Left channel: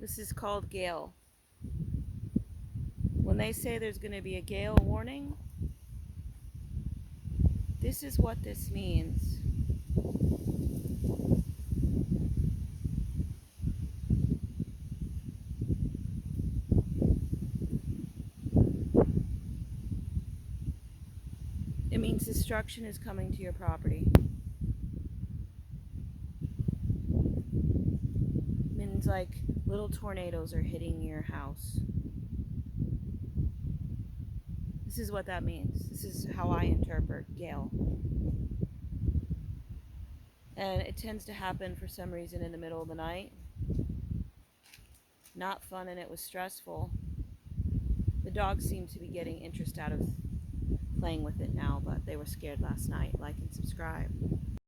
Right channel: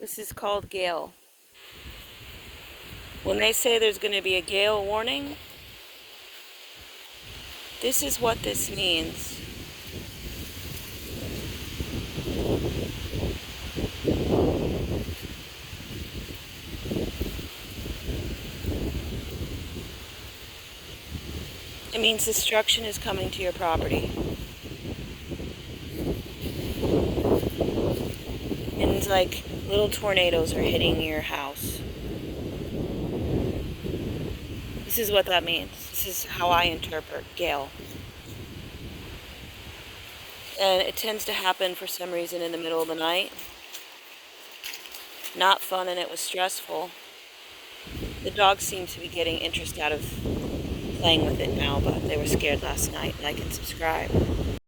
This is called Gale. When they say there's going to be a gale warning, this is what this means. It means destruction is coming to your property. It means like little tornadoes are hitting your house. This is what that means. This is how I interpret Gale. And it tends to happen for some reason in the middle of the night. Not fun, and it was stressful. The dogs seem to be getting interest out of playing with it now, but they were scared last night. Like and subscribe.